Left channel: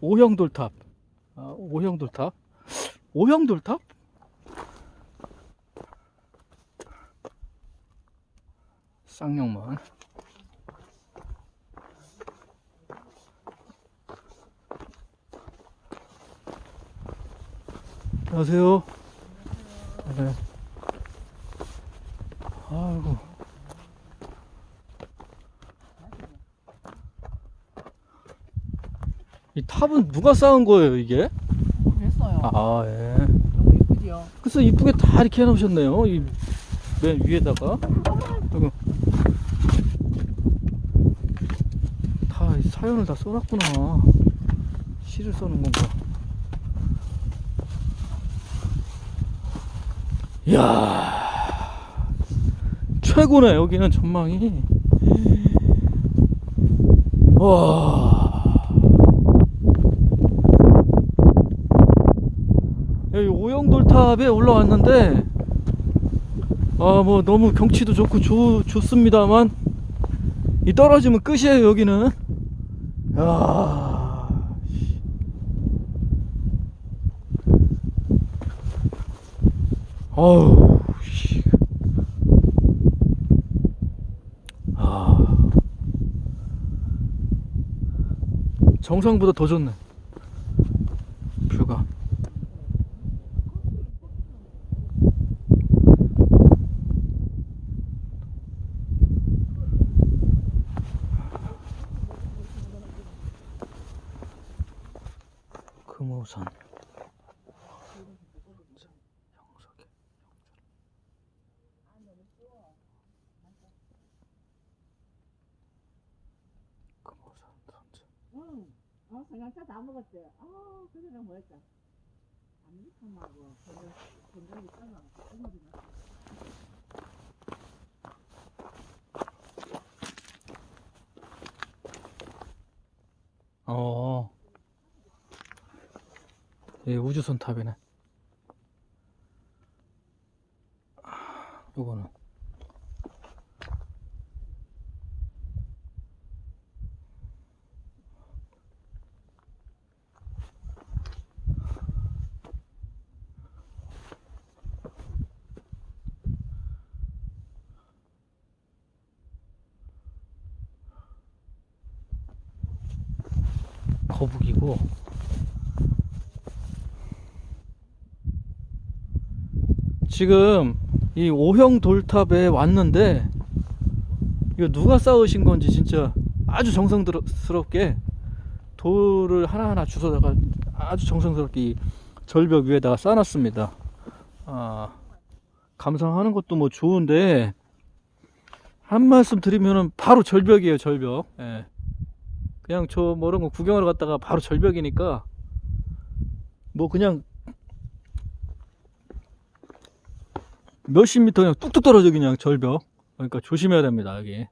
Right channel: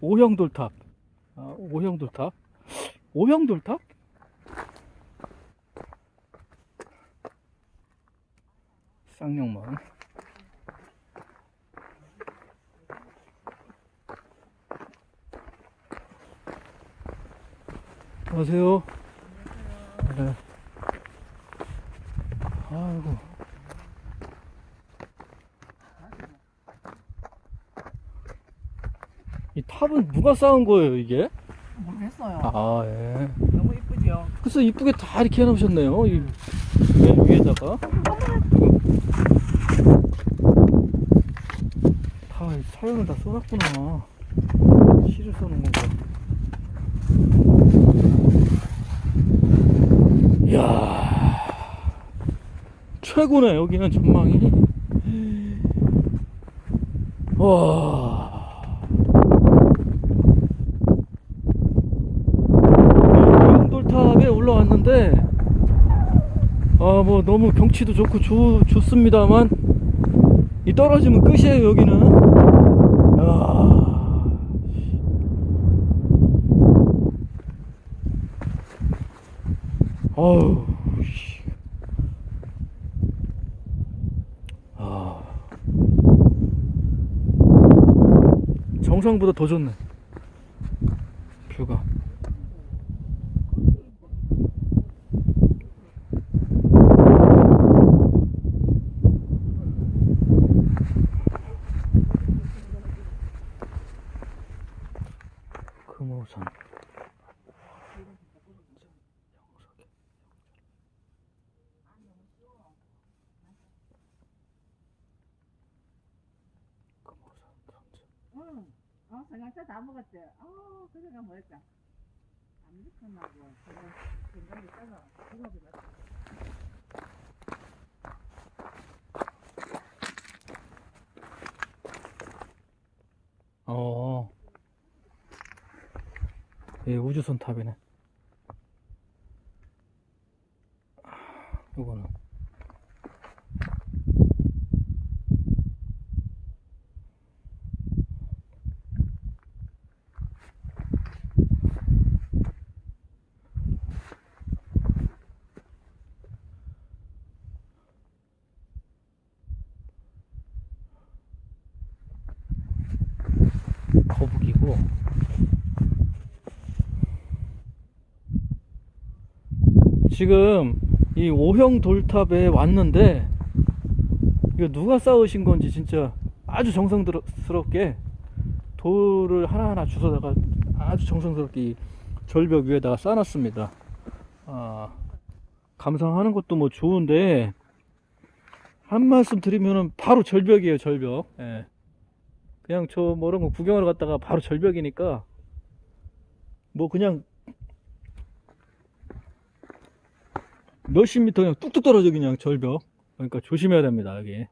오형 돌탑. 아, 오형 돌탑. 오형 돌탑? 쌍용문. 안녕하세요. 네. 아이고. 이 탑은 누가 쌓은 거예요, 이게? 했어요. 아, 예. 너무 이쁘죠? 그래서 이쁘게 다 이렇게 해놓으셨네요. 이 맨 위에다가. 그리고 다이 사연을 다 써놨구나. 시를 써놓은 건가. 이야. 최고네, 여기는 전망이. 와. 오영돌 탑에 올라왔는데 아 뭐 너무 경치도 좋고 좋, 좋습니다만 이 떨어지면 끝이에요 여기는. 야 어우 씨. 아. 정상보다 더 좋네 뷰가 금 응. 어, 생각차 다 먹었지? 어, 그래가 뭐였다. 아무렇게나고 건강이 따라 건강이 맞다. 어. 예, 우주선. 아, 요거는. 거북이고 지금 이 오형 돌탑에 왔는데 이거 누가 쌓으신 건지 진짜 아주 정성스럽게 돌을 하나하나 주워다가 아주 정성스럽게 이 절벽 위에다가 쌓아놨습니다. 아, 감상하는 것도 뭐 좋은데 한 말씀 드리면은 바로 절벽이에요, 절벽. 예. 그냥 저거 구경하러 갔다가 바로 절벽이니까 뭐 그냥 몇십 미터 그냥 뚝뚝 떨어져 그냥 절벽. 그러니까 조심해야 됩니다 여기